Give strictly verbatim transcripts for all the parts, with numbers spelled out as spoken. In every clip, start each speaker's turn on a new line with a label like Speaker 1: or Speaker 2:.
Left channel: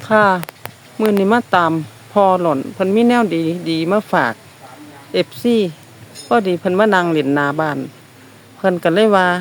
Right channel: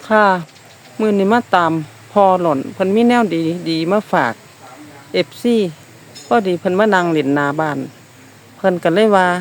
Speaker 1: ค่ะมื้อนี้มาตามพอหล่นเพิ่นมีแนวดีดีมาฝาก เอฟ ซี พอดีเพิ่นมานั่งเล่นหน้าบ้านเพิ่นก็เลยว่า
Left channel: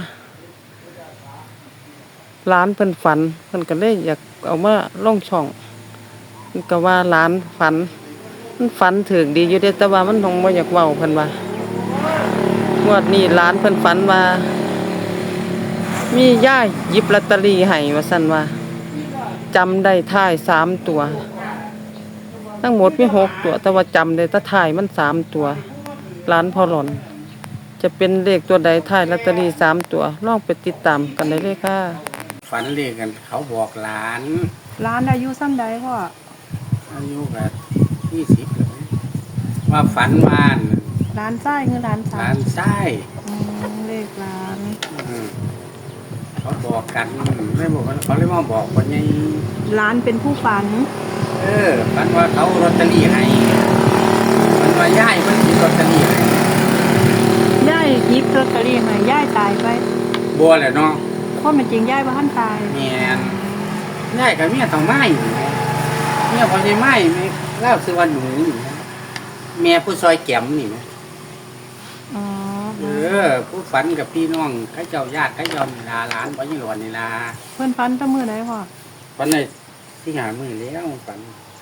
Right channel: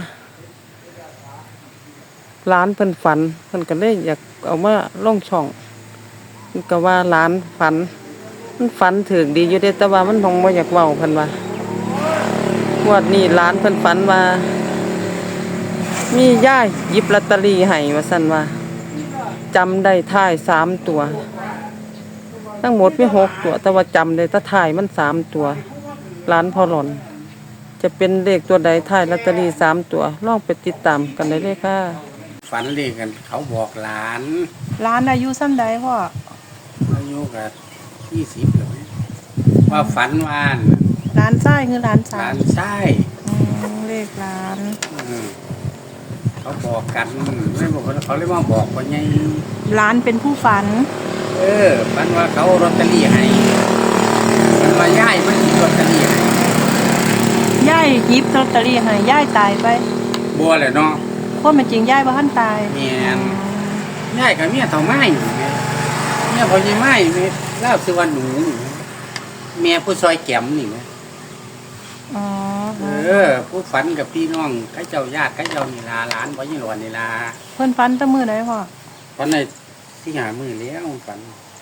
Speaker 1: ร้านเพิ่นฝันเพิ่นก็เลยอยากเอามาลงช่องเพิ่นก็ว่าร้านฝันมันฝันถึกดีอยู่เด้แต่ว่ามันคงบ่อยากเว้าเพิ่นว่างวดนี้ร้านเพิ่นฝันว่ามีย่ายหยิบลอตเตอรี่ให้ว่าซั่นว่าจำได้ท้ายสามตัวทั้งหมดมีหกตัวแต่ว่าจำได้แต่ท้ายมันสามตัวร้านพอหล่นจะเป็นเลขตัวใดท้ายลอตเตอรี่สามตัวลองไปติดตามกันได้เลยค่ะ
Speaker 2: ฝันเลขกันเขาบอกหลาน
Speaker 3: ร้านอายุซ้ำใดพ่อ
Speaker 2: อายุกับยี่สิบเลยว่าฝันวาน
Speaker 3: ร้านไส้คือร้าน
Speaker 2: ห
Speaker 3: สา
Speaker 2: ลาม นไส้
Speaker 3: อืมเลขร้าน
Speaker 2: อืมเขาบอกกันไม่บอกว่าเขาเลยมาบอกว่าไง
Speaker 3: ร้านเป็นผู้ฝัน
Speaker 2: เออฝันว่าเขาลอตเตอรี่ให้ฝันว่าย่ายมันถูกลอตเตอรี่
Speaker 3: ย่ายหยิบลอตเตอรี่ให้ย่ายตายไป
Speaker 2: บัวแหละเนาะ
Speaker 3: คนมันจริงย่ายบ่ทันตาย
Speaker 2: แม่นย่ายกับเมียเต่าไม้อยู่นะเมียพอดีไม้เนี่ยเล่าสิวันหนูนี่นะแม่ผู้ซอยแก้มนี่เนาะ
Speaker 3: อ๋อ
Speaker 2: เออผู้ฝันกับพี่น้องข้าเจ้าญาติข้าเจ้านิลาหลานพ่อยี่หลวนนิลา
Speaker 3: เพิ่นฝันแตั้งมื้อใดพ่อ
Speaker 2: ฝันในที่หามือแล้วฝัน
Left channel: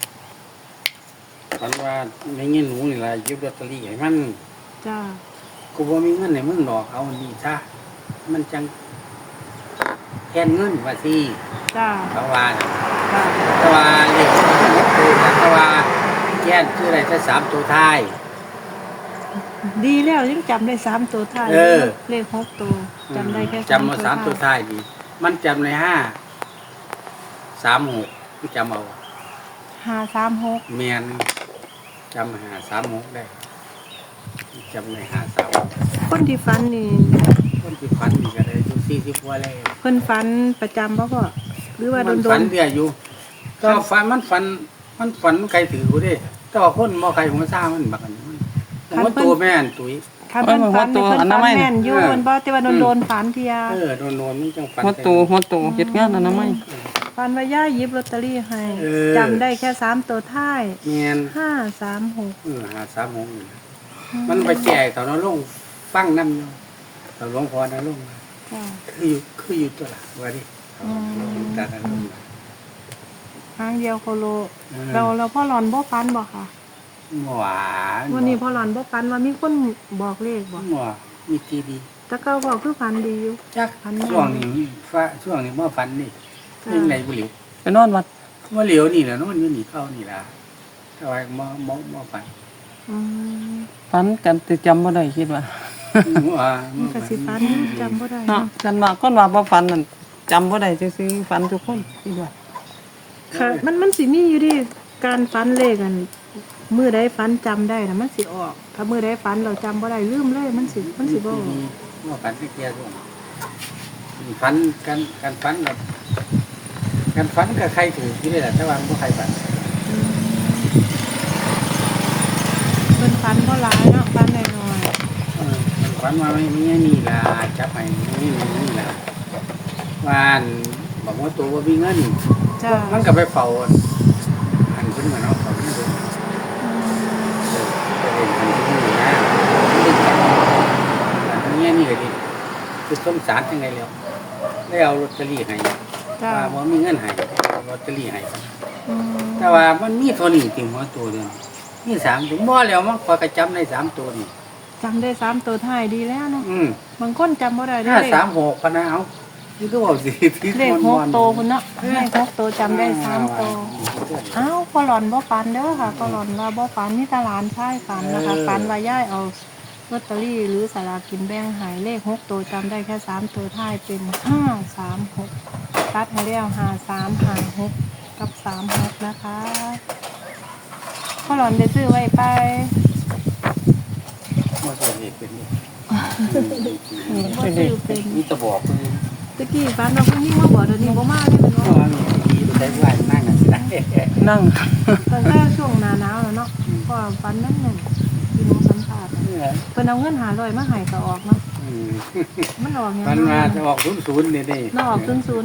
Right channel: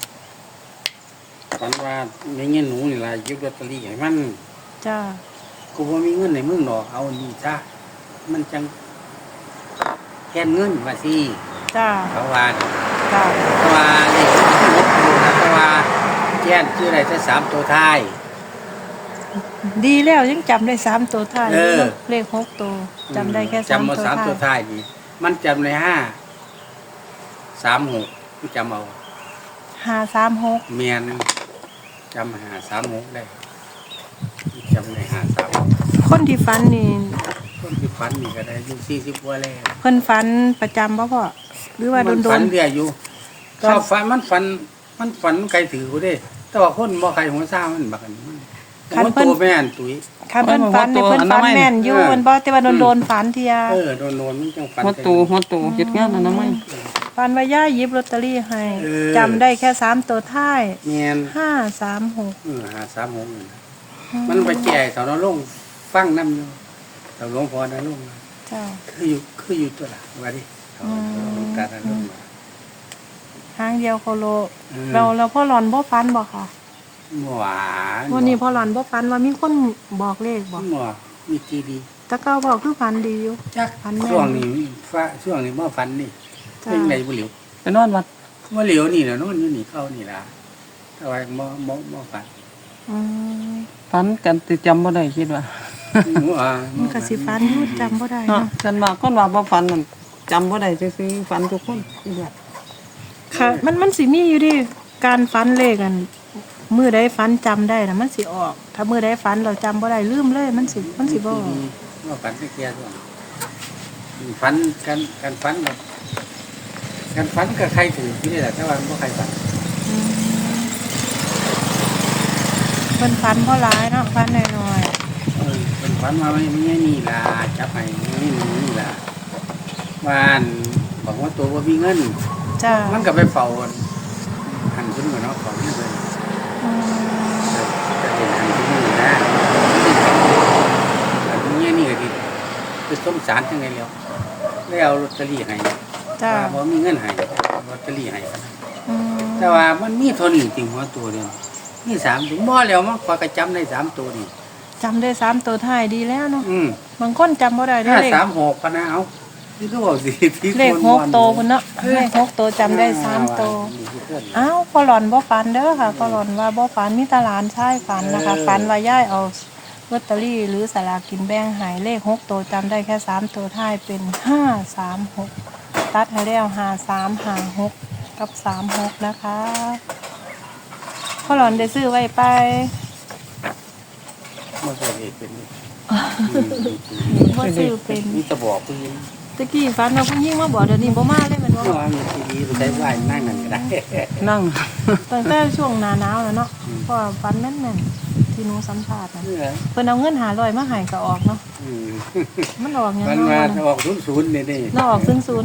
Speaker 2: ฝันว่าในเงี้ยหนูนี่ละยึดลอตเตอรี่ให้มัน
Speaker 3: จ้า
Speaker 2: กูบ่มีเงินในมึงหรอกเอาอันนี้ซะมันจังแค่นเงินว่าสิ
Speaker 3: จ้า
Speaker 2: เขาว่าน่ะ
Speaker 3: จ้า
Speaker 2: แต่ว่าเรื่องที่ลบกูนะแต่ว่าแค่นชื่ออะไรถ้าสามตัวท้าย
Speaker 3: ดีแล้วยังจำได้สามตัวท้าย
Speaker 2: เออ
Speaker 3: เลขหกตัวจำได้แค่
Speaker 2: จำมาสามตัว
Speaker 3: ท้าย
Speaker 2: ท้ายดีมันจำในห้าสามหกจำเอา
Speaker 3: ห้าสามหก
Speaker 2: เมียนจำหาสามหกได้จำในหาสาม
Speaker 3: คนที่ฝันนี่
Speaker 2: คนที่ฝันนี่ก็ได้ดูสี่สิบกว่าแล้ว
Speaker 3: เพิ่นฝันประจำบ่พ่อหรือว่า
Speaker 2: มัน
Speaker 3: โด
Speaker 2: ฝัน
Speaker 3: น
Speaker 2: เรื่อยอยู่ ก็ฝันมันฝันมันฝันไกลถือกูได้แต่ว่าคนบ่ใครหัวซ่ามันบักอันนี้หัวตัวแม่นตุ้ย
Speaker 3: ๆคันเพิ่นฝันนี่เพิ่นฝันแม่นอยู่เพิ่นบ่แต่ว่าโดนๆฝันเที่ย
Speaker 2: เออโดนโดนมันจังฝัน
Speaker 1: หัวโตหัวโตเฮ็ดงานอนามัย
Speaker 3: ฟันว่าย่าหยิบลอตเตอรี่ให้
Speaker 2: เออ
Speaker 3: จำได้แค่สามตัวท้าย
Speaker 2: เมียน
Speaker 3: ห้าสามหก
Speaker 2: เออหาสามหกนี่นะมันไปแจกเขาเนาะลงฟังน้ำอยู่เขาหลวงพ่อนะลง
Speaker 3: จ้า
Speaker 2: คืออยู่คืออยู่ตัวละว่าดิเขาเขาการนั้นลงมา
Speaker 3: หางเดียวเขาโล
Speaker 2: อืม
Speaker 3: เราเราพ่อหลอนพ่อฟันบอกค่ะ
Speaker 2: หวาน
Speaker 3: วันนี้พ่อหลอนพ่อฟันว่ามีคนบอกเลขบอก
Speaker 2: หวานมีกี่ดี
Speaker 3: แตะเก้าบอกคือฟันดีอยู่
Speaker 2: จัก
Speaker 3: ฟันแม่น
Speaker 2: ช่วงนี้ฟ้าช่วงนี้มาฟันนี่
Speaker 3: จ้า
Speaker 2: เป็นไงบุหรี่
Speaker 1: ไปนอนวัด
Speaker 2: ว่าเหลียวนี่นะโน่นอยู่นี่เข้านี่ละทำไมมามามาฟัน
Speaker 3: อืม
Speaker 1: ฝันกันแต่จำบ่ได้คิดว่า
Speaker 2: ว่า
Speaker 3: มันก็สิฟันจำบ่ได้
Speaker 1: เนาะ
Speaker 3: เนาะ
Speaker 1: กันว่าคนว่าบ่ฝันนั่นจำบ่ได้ซื่อๆฝันทุกคนคิดว่า
Speaker 3: ค่ะ มันมันสิมีอยู่ดิการฟันเลขกันมือใดฟันจำได้นะมันสิออก ถ้ามือใดฟันเราจำบ่ได้ลืมเลยมันสิมันสิบ่ออก
Speaker 2: ว่าฟันที่เกียร์ด้วยฟันกันกันฟันกับกันฟันกับใครถือที่เลยแหละแต่ว่าไม่ใครฟัน
Speaker 3: อืมมันฟันเพราะร้ายเนาะฟันน้อย
Speaker 2: เออมันฟันมาไม่ไม่มีลาจับให้ไม่มีไม่มีลาว่านบอกว่าตัวว่ามีเงิน
Speaker 3: ๆจ้า
Speaker 2: มันก็ไปเฝ้าหันขึ้นมาเนาะของนี่เลย
Speaker 3: อืม
Speaker 2: เออเป็นสิ่งที่นี่นะที่จำอันนี้นี่เลยดิคือสงสารยังไงแล้วได้เอาลอตเตอรี่ให้
Speaker 3: จ้า
Speaker 2: ว่าบ่มีเงินให้เอาลอตเตอรี่ให้กัน
Speaker 3: อืม
Speaker 2: แต่ว่ามันมีเท่านี้ติ่งหัวตัวเดียวมีสามตัวบ่แล้วมันพอกระจำได้สามตัวนี่
Speaker 3: จำได้สามตัวท้ายดีแล้วเนาะ
Speaker 2: อืม
Speaker 3: บางคนจำบ่ได้ได้
Speaker 2: ห้า
Speaker 3: เลข
Speaker 2: สามหกพะนะเอาที่ตัวสิที่
Speaker 3: เลข
Speaker 2: คน
Speaker 3: ห
Speaker 2: ม
Speaker 3: ก
Speaker 2: อน
Speaker 3: โตคนเนาะเลขหกโตจำได้สามโตวอ้าวพอหลอนบ่ฝันเด้อค่ะพอหลอนว่าบ่ฝันมีแตหลานชายฝันนะคะฝันว่าย่ายเอาลอตเตอรี่หรือสลากกินแบ่งหายเลขหกโตวจำได้แค่สามตัวท้ายเป็นห้าสามหกตัดให้แล้วห้าสามห้าหกกับสามหกนะคะพอหลอนได้ซื้อไว้ไป
Speaker 2: มาสวดเอกเป็นนี่
Speaker 3: บ่ซื้อเป็น
Speaker 2: มีตะบอกคือ
Speaker 3: ตะกี้ฝันว่าผู้หญิงมาบอกเดี๋ยวนี้บ่มาได้เป็น
Speaker 2: อ๋อมีดีได้ไหวนั่งกันได้
Speaker 1: นั่ง
Speaker 3: ตั้งแต่ช่วงหน้าหนาวแล้วเนาะก็ฝันแม่นๆที่หนูสัมภาษณ์อะเพิ่นเอาเงินหาร้อยมาให้ก็ออกเนาะ
Speaker 2: อืม
Speaker 3: มันออกหยัง
Speaker 2: มันมา
Speaker 3: เนาะ
Speaker 2: ออกศูนย์ศูนย์นี่นี่
Speaker 3: เนาะออกศูนย์ศูนย์เนาะ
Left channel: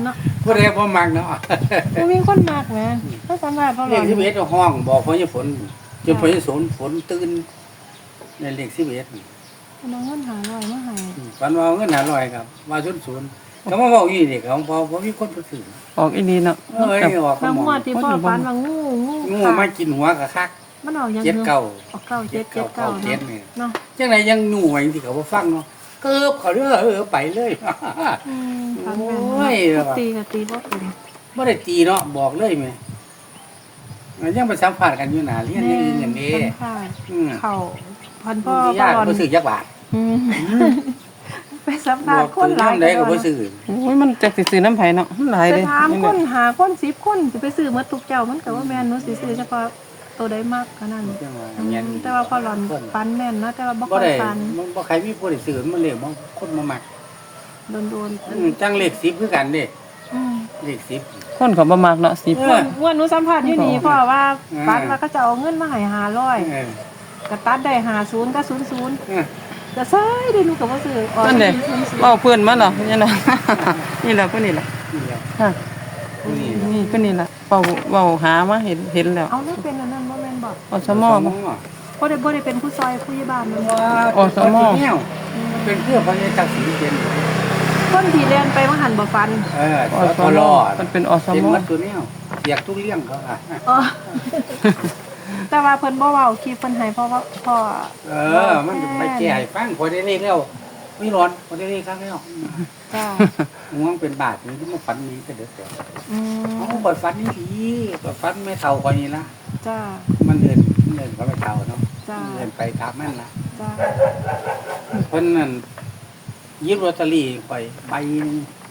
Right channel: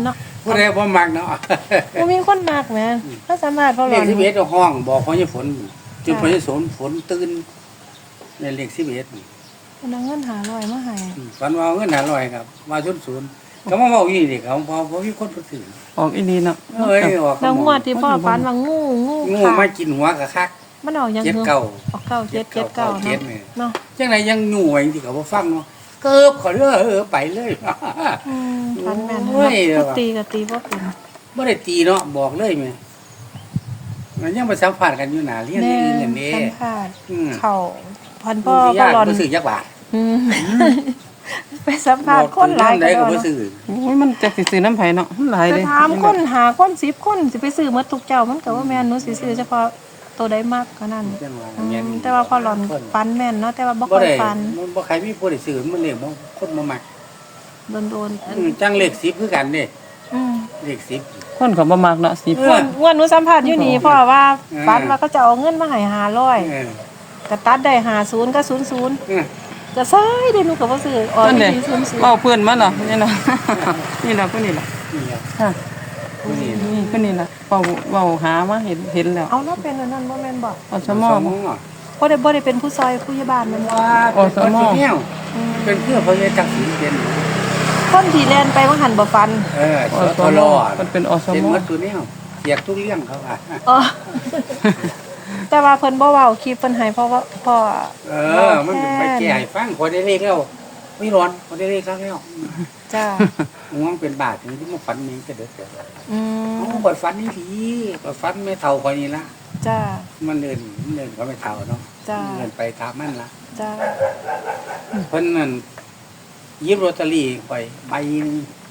Speaker 2: ผู้ใดบ่มักเนาะ
Speaker 3: บ่มีคนมากแหมถ้าสามารถเขาหล
Speaker 2: เล
Speaker 3: อ
Speaker 2: ข
Speaker 3: น
Speaker 2: สิบเอ็ดห้องบอกพอยี่ฝนจนพอยี่ฝนฝนตื่นในเลขสิบเอ็ด
Speaker 3: คนเอาเงินหาร้อยมาให้
Speaker 2: ฝันว่าเอาเงินหาร้อยครับมาศูนย์ศูนย์เขามาบอกอย่างนี้เด็กเขาพอพอมีคนไปซื้อ
Speaker 1: ออกอีหลีเนาะ
Speaker 2: เอ้ยออก
Speaker 3: แล้
Speaker 2: เขา
Speaker 3: ว
Speaker 2: ม
Speaker 3: ง
Speaker 2: อง
Speaker 3: วดที่พ่อฝันว่างูงู
Speaker 2: งูมากินหัวกะคัก
Speaker 3: มันเอาหยัง
Speaker 2: เจ็ดเก้า
Speaker 3: เอาเก้าเจ็ดเจ็ดเก้า
Speaker 2: เจ็ด
Speaker 3: เนาะ
Speaker 2: นี่
Speaker 3: เนาะ
Speaker 2: จังไรยังหน่วยที่เขาบ่ฟังเนาะเกิบเขาเด้อเออไปเลย
Speaker 3: อืมฝันแม่น
Speaker 2: โอ้ย
Speaker 3: เนาะตีก็ตีบ่เป็น
Speaker 2: บ่ได้ตีเนาะบอกเลยแม่มันยังไปสัมภาษณ์กันอยู่หน้าเรียนนี่อย่างนี้
Speaker 3: สำคัญ
Speaker 2: อืม
Speaker 3: เข้าพัน
Speaker 2: พ่
Speaker 3: พ่
Speaker 2: อ
Speaker 3: อ
Speaker 2: ญาติ
Speaker 3: หลอน
Speaker 2: บ่ซื้อยักบาท
Speaker 3: อืมไปสัม
Speaker 2: บ
Speaker 3: ภาษ
Speaker 2: อก
Speaker 3: ณ์คน
Speaker 2: ถึง
Speaker 3: หลาย
Speaker 2: นำใดก็บ่ซื้อ
Speaker 1: โอ้ยมันจักสิซื้อน้ำไผเนาะมันหลาย
Speaker 3: ไป
Speaker 1: เด้
Speaker 3: ถาม
Speaker 1: นี่
Speaker 3: ค
Speaker 1: แหละ
Speaker 3: นหาคนสิบคนสิไปซื้อหมดทุกเจ้ามันก็บ่แม่นหนูสิซื้อเฉพาะตัวใดมากเท่านั้น
Speaker 2: จังว่า
Speaker 3: อืม
Speaker 2: เงี้ย
Speaker 3: แต่ว่าพอหลอนฟันแม่นเนาะแต่ว่าบ่
Speaker 2: บ่
Speaker 3: ค่อย
Speaker 2: ได้
Speaker 3: ฟัน
Speaker 2: มันบ่ใครมีผู้ได้ซื้อมันเลยบ่คนบ่มัก
Speaker 3: โดนโดน
Speaker 2: อืมจังเลขสิบคือกันเด้
Speaker 3: อืม
Speaker 2: เลขสิบ
Speaker 1: คนก็บ่มักเนาะสิบ
Speaker 2: เออ
Speaker 3: งวดหนูสัมภาษณ์อยู่นี่เพราะว่า
Speaker 2: เออ
Speaker 3: ฟันว่าก็จะเอาเงินมาให้ห้าร้อย
Speaker 2: เออ
Speaker 3: ก็ตัดได้ห้าสิบก็ศูนย์ศูนย์
Speaker 2: เออ
Speaker 3: ก็ใส่ได้หนูก็บ่ซื้อออก
Speaker 1: นั่นเด้
Speaker 3: ศูนย์ศูนย์
Speaker 1: เว้าเพื่อนมาเนาะนี่ล่ะ นี่ล่ะเพิ่นนี่ล่ะ
Speaker 2: นี่แหละ
Speaker 1: ค่ะ
Speaker 2: นี่
Speaker 1: นี่เพิ่นนี่ล่ะเว้าเว้าหามาเห็นเห็นแล้ว
Speaker 3: เอาเนาะเป็นอันนั้นบ่แม่นบอก
Speaker 1: อสมบ่
Speaker 3: บ่ได้บ่ได้เป็นผู้ซอยผู้ใหญ่บ้านมันบ่
Speaker 2: ว่า
Speaker 1: อสม
Speaker 2: เป็นเพื่อพระยาจักรศรีเป็น
Speaker 3: คนที่แล่นไปว่าหันบ่ฟัน
Speaker 2: เออ
Speaker 1: อ
Speaker 2: ส
Speaker 1: ส
Speaker 2: ท
Speaker 1: ม
Speaker 2: ร
Speaker 1: มันเป็นอส
Speaker 2: เป็น
Speaker 1: ม
Speaker 2: วัตถุแนวเสียกทุกเรื่องเขาอ่ะ
Speaker 3: อ๋อ แต่ว่าเพิ่นบ่เว้าคลิปเพิ่นให้เพราะว่าพ่อ
Speaker 2: เออ มันไปแก้ให้ฟังพอได้เลขแล้วไม่ร้อนพอได้เลขครั้งแล้ว
Speaker 3: จ้า
Speaker 2: ง่วงเป็นบาทนี่ที่มาฝันนี้ก็เด็ดเดียว
Speaker 3: อืม
Speaker 2: อ๋อบทฝันนี่ดีบทฝันไม่เท่าคนนี้ละ
Speaker 3: จ้า
Speaker 2: มันเดินมันเดินเขาไม่เท่าเนาะ
Speaker 3: จ้า
Speaker 2: เดินไปตามมันละ
Speaker 3: จ้า
Speaker 2: เพิ่นนั่นหยิบลอตเตอรี่ไปใบหนึง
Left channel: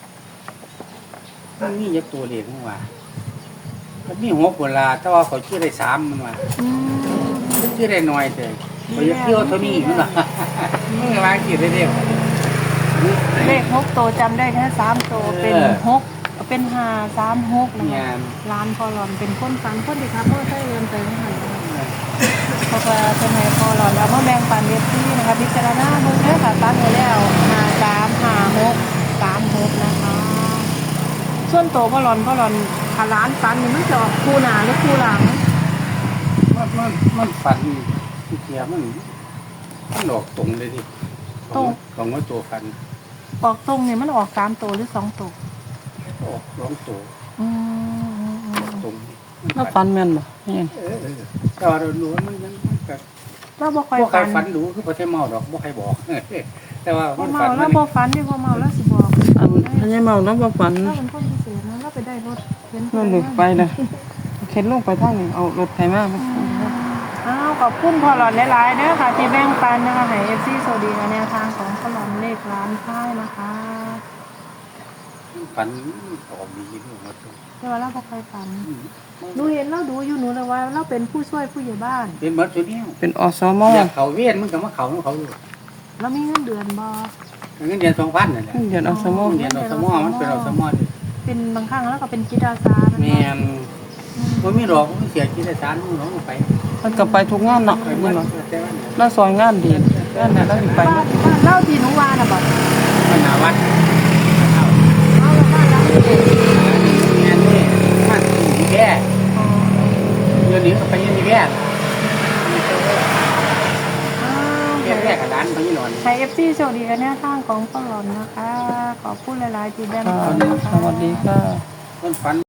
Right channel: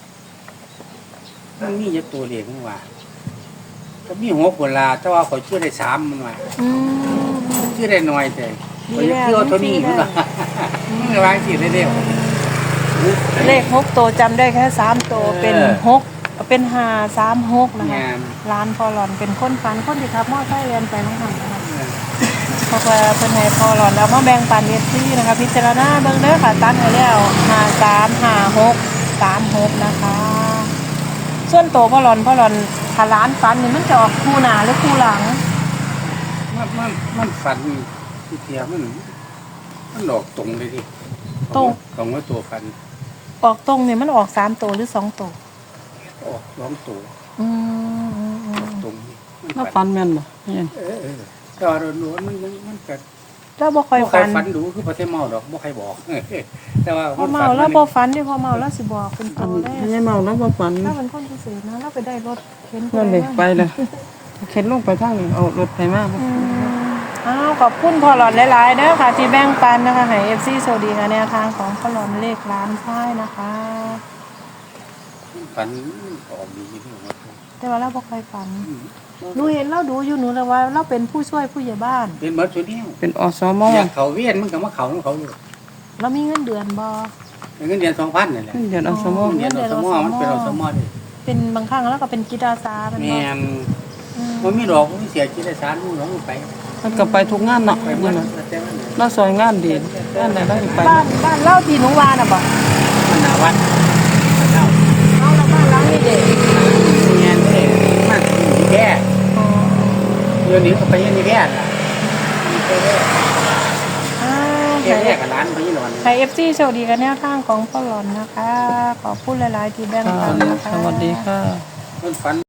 Speaker 2: มันมีเยอะตัวเลขทั้งว่าก็มีหัวปุลาแต่ว่าเขาชื่อได้สามมันว่า
Speaker 3: อืม
Speaker 2: ชื่อได้น้อยแต่เขาจะชื่อว่าเท่านี้มันว่ามันวางสิได้เดียว
Speaker 3: เลขหกตัวจำได้แค่สามตัวเป็น
Speaker 2: เออ
Speaker 3: หกเป็นห้าสามหกนะคะ
Speaker 2: งาน
Speaker 3: ร้านพอหลอนเป็นคนฟันคนที่ครับพ่อไทยเรียนไปไม่หันเพราะว่าเป็นในพอหลอนแล้วพ่อแบ่งปันเรียนที่นะคะพิจารณาเบิ่งเด้อค่ะตัดเอาแล้วห้าสามห้าหกสามหกนะคะ ส่วนโตวพ่อหลอนพ่อหลอนถ้าร้านฟันนี่มันจะออกคู่หน้าหรือคู่หลัง
Speaker 2: มันมันมันฝันนี่ที่เทียมันมันดอกตรงเลยดิตรงว่าตัวฝัน
Speaker 3: ออกตรงเนี่ยมันออกสามตัวหรือสองตัว
Speaker 2: ออกสองตัว
Speaker 3: อืมอืมอืม
Speaker 2: ตรง
Speaker 1: แล้วฟันแม่นบ่นี่
Speaker 2: เออเออก็รู้ว่ามันมันมันก็
Speaker 3: แล้วบ่ค่อย
Speaker 2: บ่ใคร
Speaker 3: ฟัน
Speaker 2: ฝันดูคือประเทศเมาดอกบ่ใครบอก แต่ว่า
Speaker 3: พอ
Speaker 2: มัน
Speaker 3: เมา
Speaker 2: ฝัน
Speaker 3: แล้ว
Speaker 2: มัน
Speaker 3: บ่ฟันนี่พอเมาแล้วสิบอก
Speaker 1: อันอันนี้เมาแล้วบ่ฟัน
Speaker 3: ถ้ามันพ่นพิเศษนะแล้วไปได้รถเห็น
Speaker 1: มันเลยไปเลยเข็นลงไปทางนี้เอารถไถมาบ่
Speaker 3: อ้าวขอบคุณพ่อหลอดหลายๆเด้อค่ะที่แบ่งปันนะคะให้ เอฟ ซี สวัสดีค่ะแนวทางของพ่อหลอดเลขร้านค่ายนะคะ
Speaker 2: ฝันออกดีที่หัว
Speaker 3: แต่ว่าเราบ่เคยฝันหนูเห็นเราดูอยู่หนูเลยว่าเราเป็นผู้ช่วยผู้ใหญ่บ้าน
Speaker 2: เป็นเหมือนตัวนี้
Speaker 1: เป็นอสม
Speaker 2: อยากเขาเวียนมันก็มาเขาของเขาอยู่
Speaker 3: เรามีเงินเดือนบ่
Speaker 2: เงินเดือนสองพันนั่นแหละ
Speaker 1: เดือนอสม
Speaker 2: เงินเดือนอสมอมันเป็นอสมอดิ
Speaker 3: เป็นบางครั้งแล้วก็เป็นจิตอาสาเป็น
Speaker 2: แม
Speaker 3: บ่
Speaker 2: น
Speaker 3: อืม
Speaker 2: มันมีดอกมันเสียกิจสารมันหลงไป
Speaker 1: มันก็ไปทุกงานเนาะ
Speaker 2: ไป
Speaker 1: นี่
Speaker 2: มั
Speaker 1: บ่
Speaker 2: นแต่ว่า
Speaker 1: เราซอยงานดีงานไหนเราสิไปหมด
Speaker 3: บ้านเล่าที่หนูว่าน่ะบ่
Speaker 2: ขนาวัดเท่าเออเด็กเงี้ยนี่มันมีแก่เดี๋ยวนี้ก็ไปยังมีแก่แก่แก่กับร้านไปยี่หลอน
Speaker 3: ให้ เอฟ ซี สวัสดีกับแนวทางของพ่อหลอดนะคะขอบคุณหลายๆที่แบ่ง
Speaker 1: ค่ะ
Speaker 3: ปันนะคะ
Speaker 1: สวัสดีค่ะ
Speaker 2: มันฝัน